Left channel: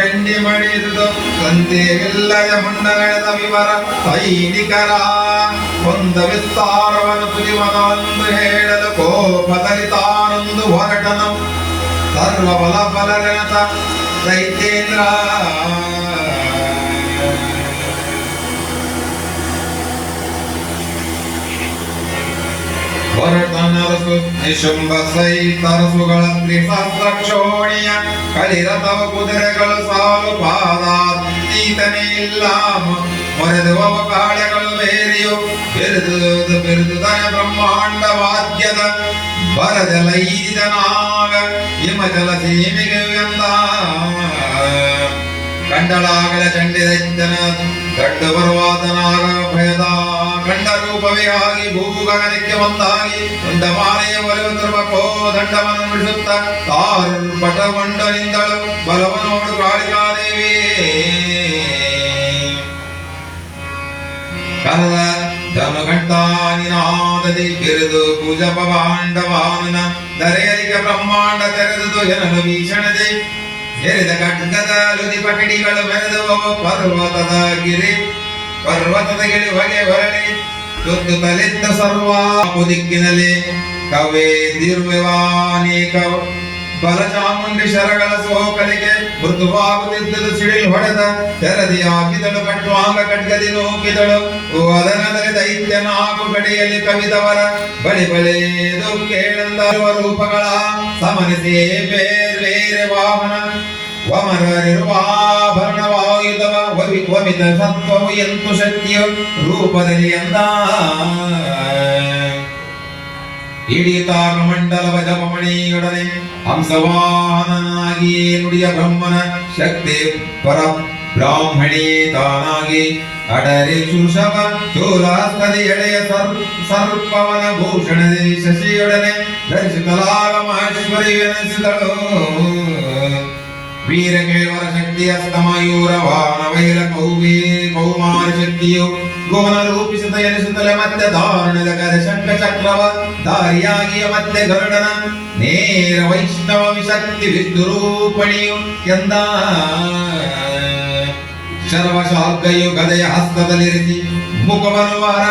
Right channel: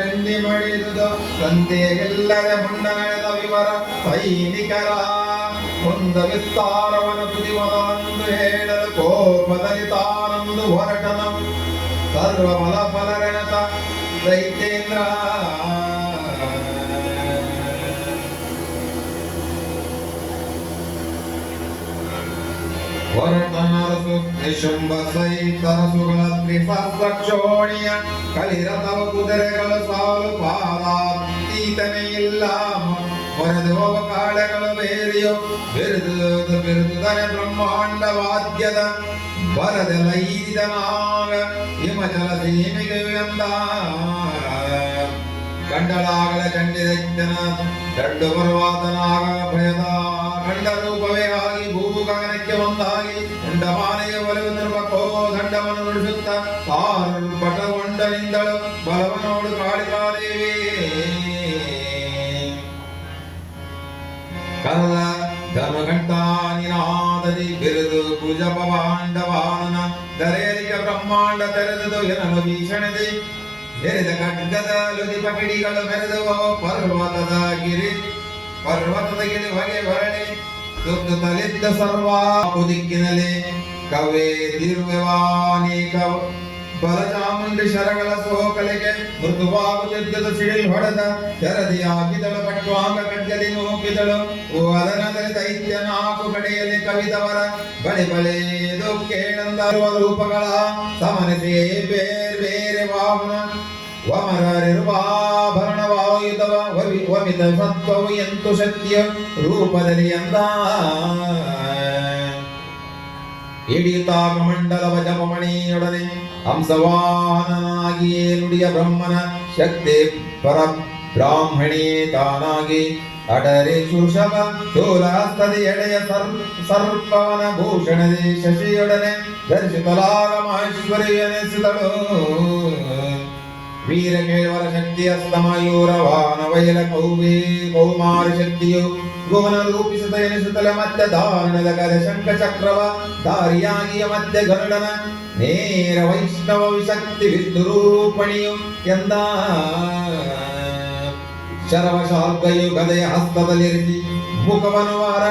ಚಂಡಿ ಮಡಿದುದು ತಂದೆಗಿಲ್ಲದ ಮುಂಡನಳೆದ ವಿವರ ಸೈನಿಕರ ಕೊಂದ ವಿಸ್ತಾರವನ್ನು ತುದಿಮದಂದು ಹೇಳಲು ಕೋಪದಲ್ಲಿ ತಾನೊಂದು ಹೊರಟನು ಸರ್ವ ಬಲ ಬಲರೆನತ ದೈತ್ಯೇಂದ್ರ ಹೊರಟನರಸು ನಿಶುಂಭ ಸೈತರಸುಗಳ ತ್ರಿಸಹಸ್ರಕ್ಷೋಣಿಯ ಕಲಿರಥವ ಕುದುರೆಗಳು ಸಾಲು ಪಾದಾತೀತನೇ ಇಲ್ಲ ಮೊರೆದುವ ಕಾಳೆಗಳು ಬೇರೆಯೋ ಬಿರುದು ಬಿರುದುದನ ಬ್ರಹ್ಮಾಂಡ ವಾದ್ಯದ ಬರದೆಲ್ಲ ಈದಿದನಾಗ ಹಿಮಜಲ ಸೀಮೆಗೆ ಎಂದ ಕಂಡಳಾಗಲ ಚಂಡಿ ದೈತ್ಯನ ದಡ್ಡ ಪರ್ವತನಾಗ ಭಯದ ಕಂಡ ರೂಪವೇ ಆಗಿ ಭೂಗಗನಕ್ಕೆ ಒಂದಾಗಿ ದಂಡಮಾಲೆಯ ಕೋದಂಡವನ್ನು ನುಡಿಸುತ್ತ ತಾರ್ಪಟಗೊಂಡ ನಿಂದಳು ಬಲವನೋಡು ಕಾಳಿಕಾದೇವಿ. ಕನಲ ಧನುಘಂಟಾನಿನಾದದಿ ಬಿರುದು ಪೂಜ ಪವಾಂಡವಾನನ ದರೆಯರಿಗೆ ಬ್ರಹ್ಮಾಂಡ ತೆರೆದುದು ಜನರು ಭೀಷಣದೆ ಎರೆದ ಖಡ್ಗದ ಲುದಿ ಪಕಡಿಗಳು ಮೆರೆದು ಪರ್ವತದ ಗಿರಿ, ಪರ್ವತದ ಗಿಳಿ ಹೊಗೆ ಹೊರಳಿ. ತುತ್ತು ತಲಿದ್ದ ಸರ್ವ ದಿಕ್ಕಿನಲ್ಲಿ ಕವೇ ದಿರ್ವ್ಯವಾನೇಕ ಬಲಚಾಮುಂಡಿ ಶರಗಳ ಸೋಕಲಿಗೆ ಮೃದುವಾಗುತ್ತಿದ್ದುದು ಸಿಡಿಲು ಹೊಡೆದ ತೆರದಿ ಹಾಕಿದಳು ಕಟ್ಟುವಾಂಗ ಖಡ್ಗದಿ ನೂಕಿದಳು. ವದನದಲ್ಲಿ ದೈತ್ಯನ ಹಾಗೂ ಕಡೆಯಲ್ಲಿ ಕವಿದವರ ಬಳಿ ಬಳಿದು ಕೇಳಂದ ರೂಪಗಳ ಸಮನಿಸಿಯೇ ಬೇರೆ ಬೇರೆ ವಾಹನ. ವಮನರಿರುವ ಆಭರಣವಾಯುಧವ ವವಿ ವಮಿತ ಸತ್ವವು ಎಂತು ಶಕ್ತಿಯ ರೂಪದಲ್ಲಿ ಅಂದ ಇಡೀ ಮಂಡಲವ ಜಪಮಣಿಯೊಡನೆ ಹಂಸವಾಹನನಾಗಿಯೇ ನುಡಿಯ ಬ್ರಹ್ಮನ ಶಕ್ತಿ ಪರ ಬ್ರಾಹ್ಮಣಿಯೇ ತಾನಾಗಿ ಅಡರೆ ಶುಷವ ಚೋಲಹಸ್ತದ ಎಳೆಯ ಸರ್ ಸರ್ಪವನ ಭೂಷಣದೆ ಶಶಿಯೊಡನೆ ಧರಿಸುತ್ತಲಾಗ ಮಹೇಶ್ವರಿಯನಿಸಿದಳು ವೀರ ಕೇಳುವರ ಶಕ್ತಿ ಅಸ್ತಮಯೂರ ವಾಹನ ವೈರ ಕೌವೇ ಕೌಮಾರ ಶಕ್ತಿಯು ಭುವನ ರೂಪಿಸುತ್ತ ಎನಿಸುತ್ತಲೇ ಮತ್ತೆ ದಾರುಣದ ಕರೆ ಶಂಖ ಚಕ್ರವ ದಾರಿಯಾಗಿಯ ಮತ್ತೆ ಗರುಡನ ನೇರ ವೈಷ್ಣವ ವಿಶಕ್ತಿ ವಿಷ್ಣು ರೂಪಣಿಯು ಎಂದ ಶರವ ಶಾಲ್ಕಯು ಗದೆಯ ಹಸ್ತದಲ್ಲಿರಿಸಿ ಮುಖವನ್ನು ವರ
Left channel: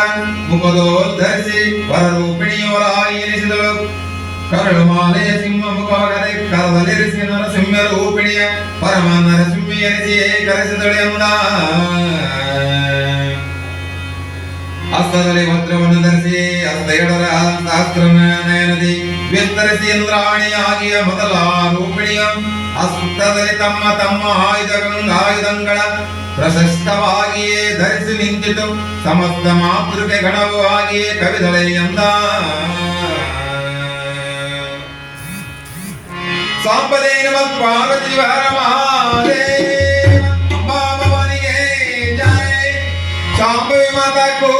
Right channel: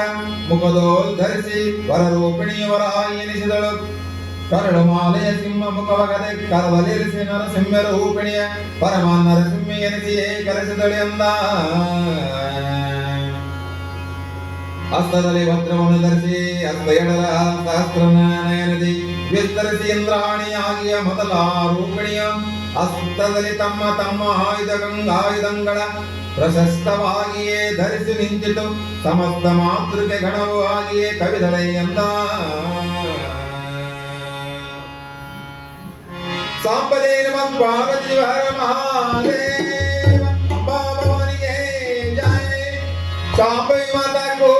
ಮುಖದೋದ್ಧರಿಸಿ ವರ ರೂಪಿಣಿಯವರ ಎನಿಸಿದಳು. ಕರಳು ಮಾಲೆಯ ಸಿಂಹ ಮುಖವಗದೆ ಕರದಲ್ಲಿರಿಸಿ ನರಸಿಂಹ ರೂಪಿಣಿಯ ಪರಮ ನರಸಿಂಹ ಎನಿಸಿಯೇ ಕರೆಸಿದಳು ಎಂದ ಹಸ್ತದಲ್ಲಿ ವಸ್ತ್ರವನ್ನು ಧರಿಸಿ ಹಸ್ತ ಎಡರ ಸಹಸ್ರ ನಯನದಿ ವಿಸ್ತರಿಸಿ ಇಂದ್ರಾಣಿಯಾಗಿಯ ಮೊದಲ ರೂಪಿಣಿಯ ಹಸ್ತದಲ್ಲಿ ತಮ್ಮ ತಮ್ಮ ಆಯುಧ ಆಯುಧಗಳ ಪ್ರಶಸ್ತವಾಗಿಯೇ ಧರಿಸಿ ನಿಂತಿತು ಸಮಸ್ತ ಮಾತೃಕೆ ಗಣವು ಆಗಿಯೇ ಕವಿದಳೆ ಎಂದ ಸಾಂಬದೇ ನಮ ಪಾರ್ವತಿ ಹರ ಮಹಾದೇವ ಅಂಬಾಭವಾನಿಗೆ ಜಯ ಶಾಂಭವಿ ಮಾತಾ ಕೋ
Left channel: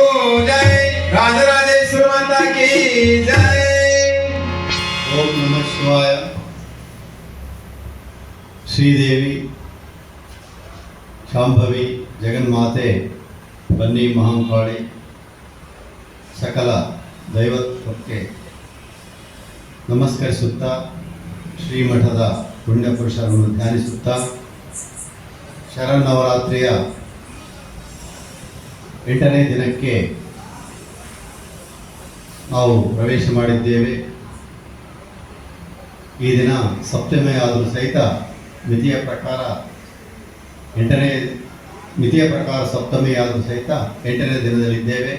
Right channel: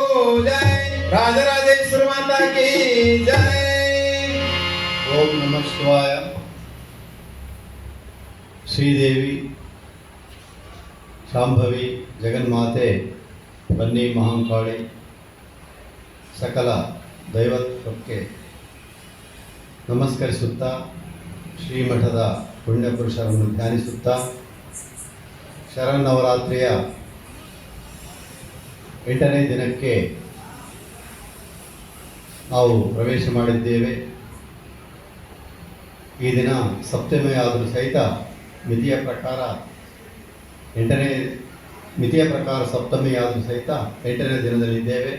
ಜಯ ರಾಜರಾಜೇಶ್ವರ ಮಾತಾ ಕಿ ಜಯ ಓಂ ನಮಃ ಶಿವಾಯ ಶ್ರೀದೇವಿ ಶಾಂಭವಿ ಜಗನ್ಮಾತೆ ಬನ್ನಿ ಮಹಾಂಕಾಳಿ ಸಕಲ ದೈವತ್ವಕ್ಕೆ ನಮಸ್ಕರಿಸುತ್ತಾ ಶ್ರೀಮಠದ ಪುಣ್ಯಪುರುಷರನ್ನು ಧ್ಯಾನಿಸುತ್ತಾ ಶರನ್ನವರಾತ್ರಿಯ ಎಂಟನೇ ದಿನಕ್ಕೆ ನಾವು ಪ್ರವೇಶ ಮಾಡಿದ್ದೇವೆ. ಈ ದಿನ ಸಪ್ತಮಿ ಆದರೂ ಸಹಿತ ಮಿತಿಯ ಪ್ರಕಾರ ಎಂಟನೇ, ಮಿತಿಯ ಪ್ರಕಾರ ಸಪ್ತಮಿ ಆದರೂ ಸಹಿತ ಎಂಟನೇ ದಿನದಲ್ಲಿದ್ದೇವೆ.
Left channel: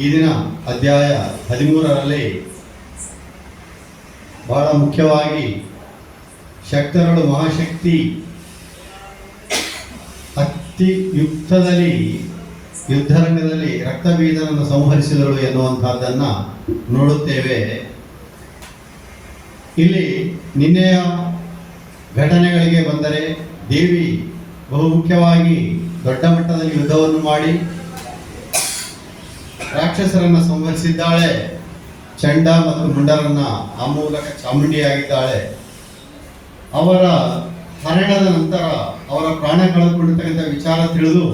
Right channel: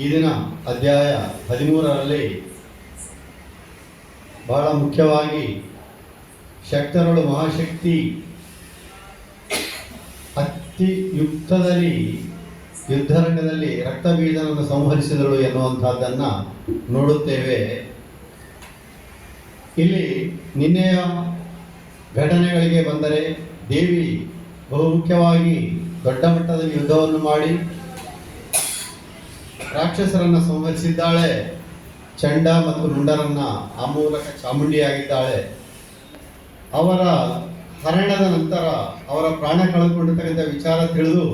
ಈ ದಿನ ಅಧ್ಯಾಯ ಹದಿಮೂರರಲ್ಲಿ ಬಹಳ ಮುಖ್ಯವಾಗಿ ಶಕ್ತರಳು ಮಹಾಶಕ್ತಿ ಅತಿ ಯುಕ್ತದಲ್ಲಿ ಯುದ್ಧರಂಗದಲ್ಲಿ ರಕ್ತಬೀಜನನ್ನು ಸಂಹರಿಸಿದಳು ಎನ್ನುವಂತಹದ್ದನ್ನು ನೋಡುತ್ತೇವೆ. ಇಲ್ಲಿ ನಿನ್ನೆಯ ಘಟನೆಗಳಿಗೆ ಬಂದರೆ ದೇವಿ ಬಹು ಮುಖ್ಯವಾಗಿ ದೊಡ್ಡ ಮಟ್ಟದಲ್ಲಿ ಯುದ್ಧವನ್ನು ಮಾಡಿ ರಾಕ್ಷಸರನ್ನು ಸಂಹರಿಸಿದ್ದಾಳೆ. ಚಂಡ ಮತ್ತು ಮುಂಡರನ್ನ ಆ ಮೂಲಕ ಚಾಮುಂಡಿಯಾಗಿದ್ದಾಳೆ. ಅವರ ಹರಣದ ನಂತರ ಅವರ ಪ್ರಾಣ ಕಳೆದುಕೊಂಡಿರ್ತಕ್ಕಂಥ ವಿಚಾರ ತಿಳಿದು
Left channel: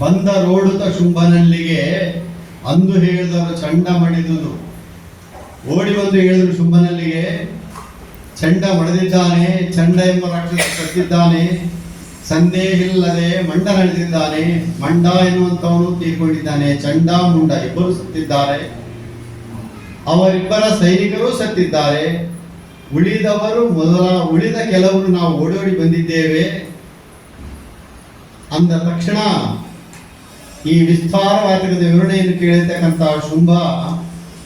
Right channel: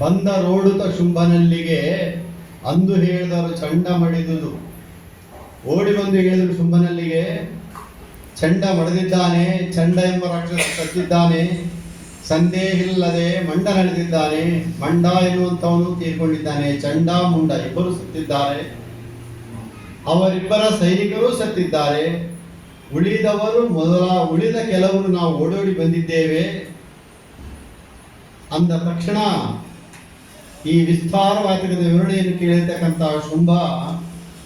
ಬಂದ ರೋಡುತ ಶುಂಭನಲ್ಲಿಗೆ ಅಂದು ಹೇಳಿದವರು ಚಂಡ ಮಡಿದುದು. ಓಡಿ ಬಂದು ಹೇಳಿದ್ರು ಶುಂಭನಲ್ಲಿಗೆ, ಚಂಡ ಮಡದಿದ್ದಾನೆ, ಚಂಡ ಎಂಬ ರಾಕ್ಷಸ ಸತ್ತಿದ್ದಾನೆ ಸಂದೇಹ ಇಲ್ಲದೆ ಮಂಡ ನಡೆದಿದ್ದಾನೆ, ಮಂಡ ಎನ್ನುವಂತವನು ತೀರ್ಕೊಂಡಿದ್ದಾನೆ, ಚಂಡ ಮುಂಡ ಇಬ್ಬರು ಸತ್ತಿದ್ದಾರೆ. ಅವರಿಬ್ಬರ ಸೈನಿಕರು ಸತ್ತಿದ್ದಾರೆ. ಉಳಿದವರು ಮೊದಲ, ಉಳಿದ ಕೆಲವರು ನಾವು ಓಡೋಡಿ ಬಂದಿದ್ದೇವೆ. ಅಂದ ತಕ್ಷಣ ಈ ವಿಸ್ತಾರವಾದ ವಿವರಣೆಯನ್ನು ಕೇಳಿರ್ತಕ್ಕಂಥ ಶುಂಭ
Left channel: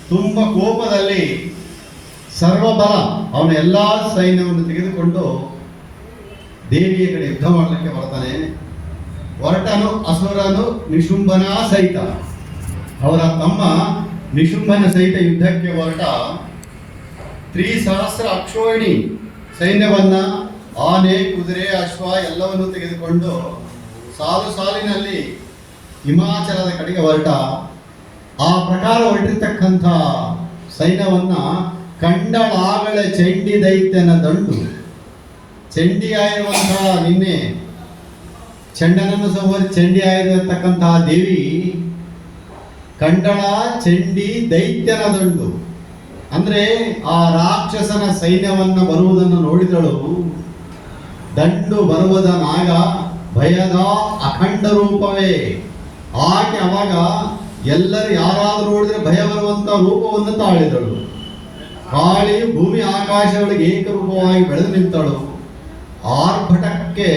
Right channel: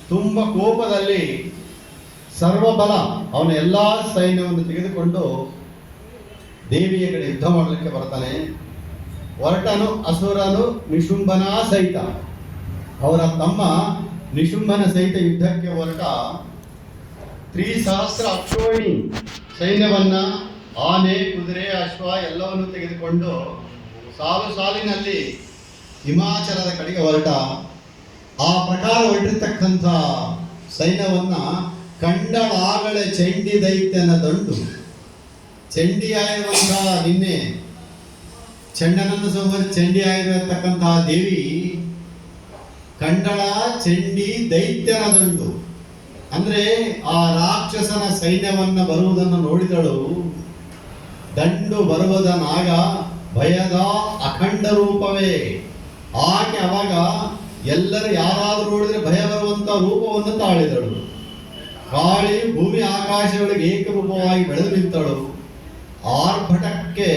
ತುಂಬ ಕೋಪದಲ್ಲಿ ಸರ್ವಬಲ ಅವನ ಎಲ್ಲ ಸೈನ್ಯವನ್ನು ತೆಗೆದುಕೊಂಡು ದೇವಿಯ ಕಡೆ ಯುದ್ಧ ಮಾಡಲಿಕ್ಕೆ ಬರ್ತಾನೆ. ಹೊರಟನು ಅಸುರನು, ನಿಶುಂಭನ ಸಹಿತ ಅವರ ತಮ್ಮ ನಿಶುಂಭನ ಸಹಿತ ಯುದ್ಧಕ್ಕೆ ಹೊರಟ ತ್ರಿಸಹಸ್ರ ಅಕ್ಷೋಹಿಣಿ ಸೈನ್ಯವನ್ನ ಆನೆ, ಕುದುರೆ, ಅಶ್ವ ಎಲ್ಲವನ್ನು ತೆಗೆದುಕೊಂಡು ಸಾಲು ಸಾಲಿನಲ್ಲಿ ಹಿಮಾಚಲದ ಕಡೆಗೆ ಹೊರಟ. ಆ ಪ್ರಕಾರ ಹೊರಟಿರ್ತಕ್ಕಂಥ ಸೈನ್ಯವನ್ನ ಕಂಡಳಾಗಳ ಚಂಡಿ ದೈತ್ಯನ ದಂಡು. ಚಂಡಿ ಆಗಿರುವಂತಹ ನಿನ್ನೆ ಚಂಡನನ್ನು ಚಂಡಿ ಆಗಿರತಕ್ಕಂತಹ ದೇವಿ ಕಂಡಳ, ಚಂಡಿ ದೈತ್ಯನ ದಂಡು ಅಂದ್ರೆ ಆ ರಾಕ್ಷಸನ ಸೈನ್ಯವನ್ನ ಬರುವುದನ್ನು ನೋಡಿದಳು. ದಂಡು ಬರುವುದ ನಾಗ ಭಯದ ಅಖಂಡ ರೂಪವೇ. ಆಕೆ ಅವಾಗ ಎಲ್ಲರೂ ಯಾರಾದರೂ ನೋಡಿದ್ರೆ ಭಯ ಬರುವಂತ ರೂಪವನ್ನು ತಾಳಿದಳು. ಕಾಳಿ ಭೂಮಿ ಆಕಾಶಗಳಿಗೆ ಏಕರೂಪವಾಗಿ ಬೆಳೆದು ನಿಂತಳು. ಆರ್ಭಟಕ್ಕೆ,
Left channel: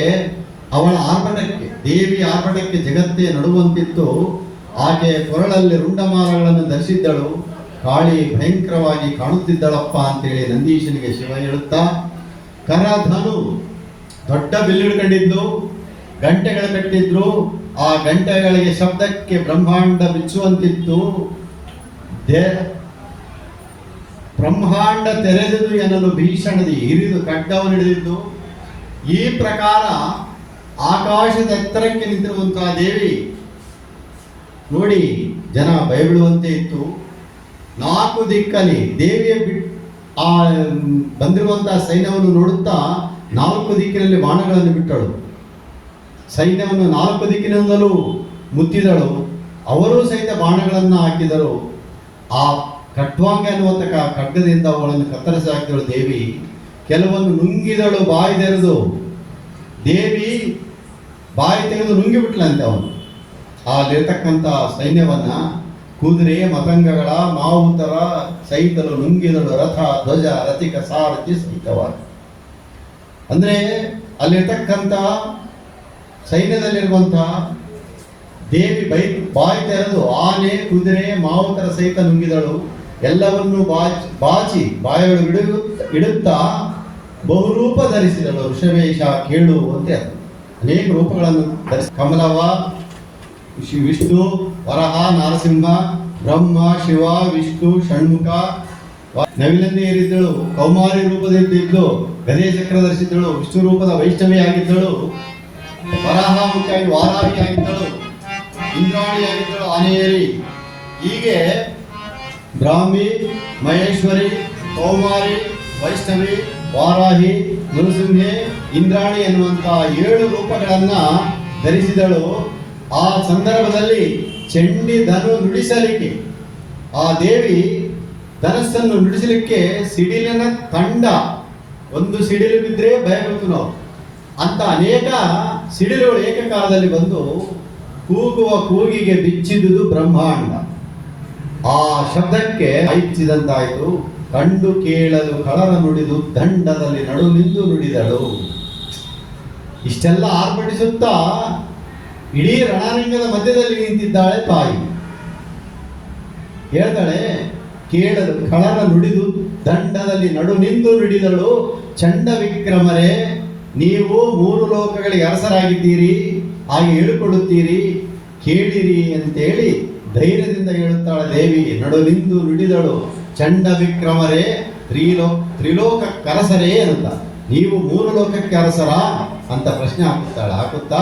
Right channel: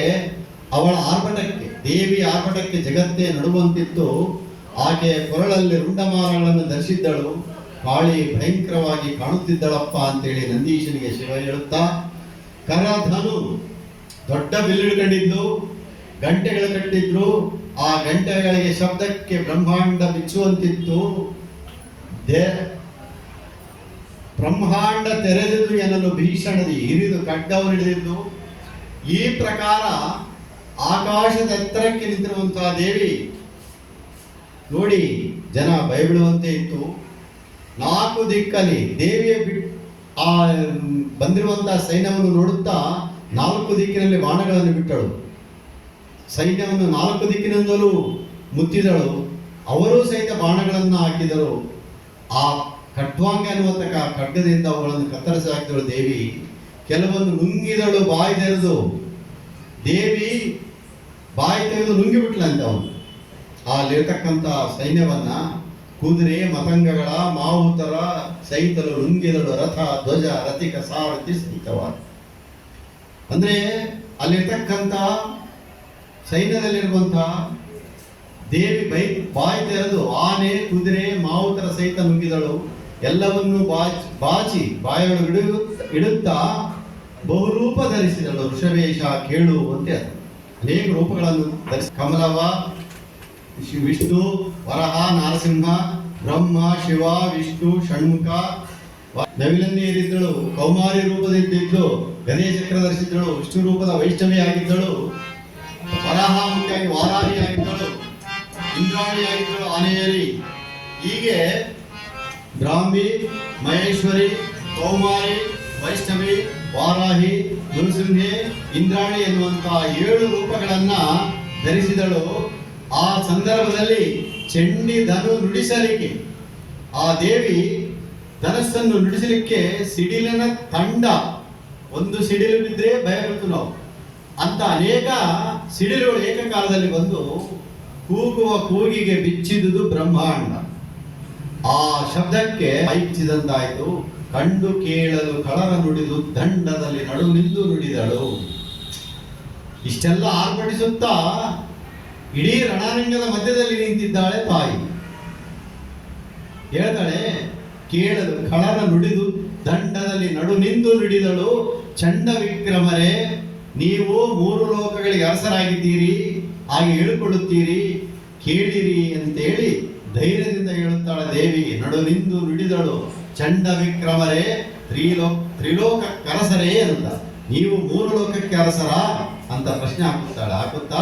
ಅವಳ ಆರ್ಭಟಕ್ಕೆ ದೇವಿ ಆರ್ಭಟಕ್ಕೆ ಜಗತ್ತೇ ನಡುವಂತಿತ್ತು. ಆಕೆ ಕೊರಳಲ್ಲಿ ರುಂಡಮಾಲಗಳನ್ನು ಧರಿಸಿದ್ದಳು. ಕಾಳಿ ಭಯಂಕರವಾಗಿ ಕಾಣುತ್ತಿದ್ದಳಪ್ಪ ಅಂತೇಳಿ ನಂದೀಶನಿಗೆ ಶಿವ ಹೇಳುತ್ತಾ ಕರಧನು ದೊಡ್ಡ ಬಿಲ್ಲಿಡ್ಕೊಂಡಿದ್ದು, ಗಂಟೆಗಳು ಕಟ್ಟಿದ್ರು, ಆ ಗಂಟೆಗಳಿಗೆ ಶಬ್ದಕ್ಕೆ ಬ್ರಹ್ಮಾಂಡ ಬಿಚ್ಚುವಂತಿತ್ತು. ಬ್ರಹ್ಮಾಂಡ ತೆರೆದಿದ್ದು ಎನ್ನಲು ಭೀಷಣದಿ ಹಿರಿದು ಖಡ್ಗವನ್ನು ಹಿಡಿದಿದ್ದು. ಈ ಪ್ರಕಾರ ಆಕಾಶದ ಎತ್ತರಕ್ಕೆ ನಿಂತಿರುವಂತಹ ದೇವಿ ನೋಡಿ, ಜನ ಭಯಬೀಳುವಂತೆ ಇತ್ತು. ನಾಲ್ಕು ದಿಕ್ಕಲ್ಲಿ ದೇವಿಯ ಬಿಟ್ಟು ಆ ಬಂದಿರುವಂತಹ ಸೈನ್ಯವನ್ನು ನೋಡುತ್ತಾ ನಾಲ್ಕು ದಿಕ್ಕಿನಲ್ಲಿ ಬಾಣಗಳನ್ನು ಬಿಟ್ಟಳು. ಸೈನ್ಯವನ್ನು ನಾಲ್ಕು ದಿಕ್ಕಿನಿಂದಲೂ ಮುತ್ತಿದಳು. ಅವರು ಸಹಿತ ಬಾಣಗಳನ್ನು ಹಾಕಿದರು. ಆ ಖಟ್ವಾಂಗ ಅನ್ನುವಂಥ ಖಡ್ಗದಿಂದ ಅವುಗಳನ್ನು ಕತ್ತರಿಸಿ ಹಾಕಿದಳು ದೇವಿ. ಕೆಲವೊಂದು ನುಂಗಿದಳು ಬಾಯಿ ತೆರೆದು. ದೇವಿ ಬಾಯಿ ತೆಗೆದು ನುಂಗಿಬಿಟ್ಲಂತೆ ಅವನು. ಅಲ್ಲಿರ್ತಕ್ಕಂಥ ಸೈನ್ಯವನ್ನ ಕುದುರೆ, ಮತಂಗಗಳ, ಮಾವುತರ ಸಹಿತರು ನುಂಗಿದಳು. ರಥ, ಧ್ವಜ, ರಥಿಕ ಸಾರಥಿ ಸಹಿತವಾಗಿ ಅಂದ್ರೆ ಅಲ್ಲಿರ್ತಕ್ಕಂಥ ಸೈನ್ಯದಲ್ಲಿರುವಂತಹ ದೇವಿ ಬೈ, ಬಾಯಿ ತೆರೆದು ಆನೆ, ಕುದುರೆ, ಮಾವುತರ ಸಹಿತ ನುಂಗಿದಳು. ಎಲ್ಲವನ್ನೂ ಬಾಚಿ ಬಾಚಿ ಬಾಯಿಗಳು ಇಡು, ಇಡುತ್ತಾ ಬಹುರೂಪ ಧರಿಸಿದಳು. ಋಷವೇಶ ಕೇಳು ಅಂತ ಅನೇಕ ರೂಪಗಳನ್ನು ಧರಿಸಿ ಕಮಲವ ಶಿ- ವಿಷ್ಣು, ವರಹ, ನರಸಿಂಹ, ಬ್ರಹ್ಮ, ಶಿವ, ವಿಷ್ಣು, ಷಣ್ಮುಖ, ನವಿಲನ್ನೇ ಏರಿದ್ದಳು, ಕೌಮಾರಿ ರೂಪದಲ್ಲಿದ್ದಳು ಗದೇ ಚಕ್ರ ಧರಿಸಿದ್ದಳು ವಿಷ್ಣು ರೂಪದ ವೈಷ್ಣವಿಯಾಗಿದ್ದಳು ವರಾಹ ಮುಖ್ಯವಾಗಿ ವಾರಾಹಿಯಾಗಿದ್ದಳು ಇಂದ್ರಾಣಿಯಾಗಿದ್ದಳು ಆನೆಯೇರಿ ಹೀಗೆ ಬ್ರಾಹ್ಮಿ, ಮಹೇಶ್ವರಿ, ಕೌಮಾರಿ, ವೈಷ್ಣವಿ, ವಾರಾಹಿ, ನೃಸಿಂಹೆ, ಇಂದ್ರಾಣಿ ಎನ್ನುವಂತಹ ಏಳು ರೂಪಗಳನ್ನ ಧರಿಸಿದಳು. ಆ ಸಂದರ್ಭದಲ್ಲಿ ಚಂಡಿ ಧನು ನುಡಿಸಲಿಕ್ಕೆ, ಆ ದೇವಿ ಧನಸ್ಸನ್ನು ನುಡಿಸಲಿಕ್ಕೆ ಸಿಡಿಲಿನ ತಂಡ, ಒಂದು ಸಿಡಿಲು ಬಿದ್ದರೆ ಭಯ ನಾವು. ಅಂತ ಅನೇಕ ಸಿಡಿಲುಗಳು ಏಕಕಾಲದಲ್ಲಿ ಬಂದು ಕೂಗುವ ಕೂಗಿಗೆ ಬಿಚ್ಚಿದ್ದುದು ಬ್ರಹ್ಮಾಂಡ. ಆ ಶಬ್ದಕ್ಕೆ ಐಚ್ಚಿದಂತಾಯಿತು. ಕಂಡು ಕೇಳಲು ಕಳರ ನುಡಿದು ದಂಡದಲ್ಲಿ ನಡು ನಿಂದು ನುಡಿದಳು. ಇಷ್ಟೆಲ್ಲ ಆರ್ಭಟಿಸುತ್ತಾ ಇಡೀ ರಣಾರಂಗದ ಮಧ್ಯದಲ್ಲಿ ನಿಂತಿದ್ದಾಳೆ ತಾಯಿ. ಹೇಳ್ತಾಳೆ, ಕೇಳಲು ಖಳನ ನುಡಿದು ದಂಡದಲ್ಲಿ ನಡು ನಿಂದು ನುಡಿದಳು ಚಂಡ ವಿಕ್ರಮರೇ ನೀವು ಮೂರು ಲೋಕಗಳಿಗೆ ಅರಸರಾಗಿದ್ದೀರಿ, ಹಾಗೆ ಹೇಳಿಕೊಳ್ಳುತ್ತೀರಿ, ಕೇಳಿರಿ ಅಂತೇಳಿ ಧೈರ್ಯದಿಂದ ಹೇಳುತ್ತಾಳೆ ದೇವಿ ನಡು ನಿಂದು ನುಡಿದಳು ಚಂಡ ವಿಕ್ರಮರೇ ತ್ರಿಲೋ ತ್ರಿಲೋಕ ಕರಸರೇ ಅಂತ. ನೀವು ಮೂರು ಲೋಕಕ್ಕೆ ಅರಸರ? ಅಂತ ಪ್ರಶ್ನೆ ಹಾಕುತ್ತಾಳೆ. ಹಾಕುತ್ತಾ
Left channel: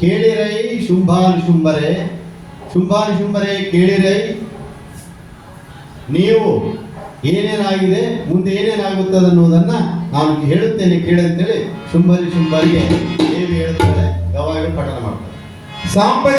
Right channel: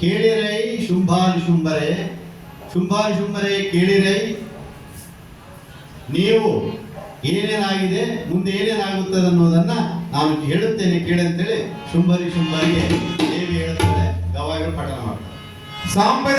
ಕೇಳಿರೈ ಶುಂಭಾನು ಶುಂಭರೇ. ಶುಂಭಾನು ಶುಂಭರೇ ಕೇಳಿರೈ. ನೀವು ಏನೇನಾಗಿದೆ, ಮುಂದೆ ಏನೇನಾಗುತ್ತದೆ ಅನ್ನೋದನ್ನ ನಾನು ಹೇಳುತ್ತೇನೆ, ಕೇಳಂತೇಳಿ ಶುಂಭರಿ ಶುಂಭರಿಗೆ ದೇವಿ ಹೇಳುತ್ತಾರೆ. ಯಾವಾಗಲೂ ಪಠನ ಮಾಡ್ತಾರೆ. ಸಾಂಪ್ರದಾಯಿಕ